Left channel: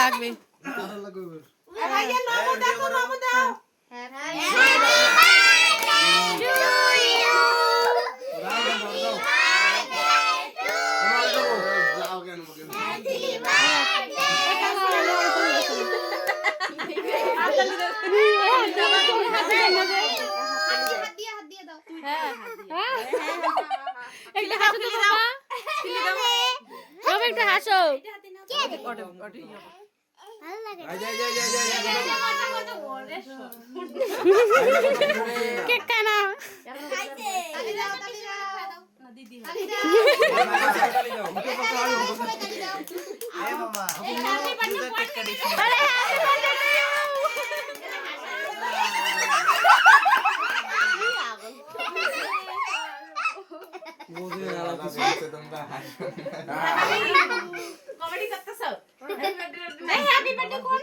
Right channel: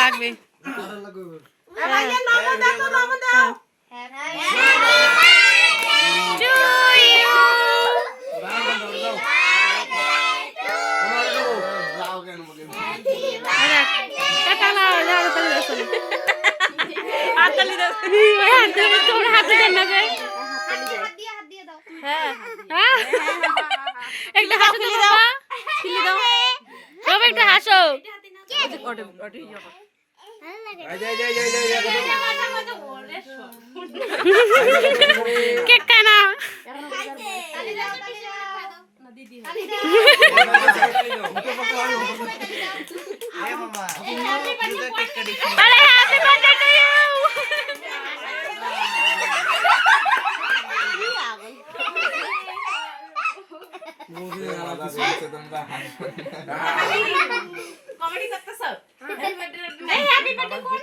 লাগবে একটা হাসো তো বাবা বাবা একটা হাসো কেক খানা আরে happy birthday to you comedy করতেছ হ্যাপি বার্থডে কোন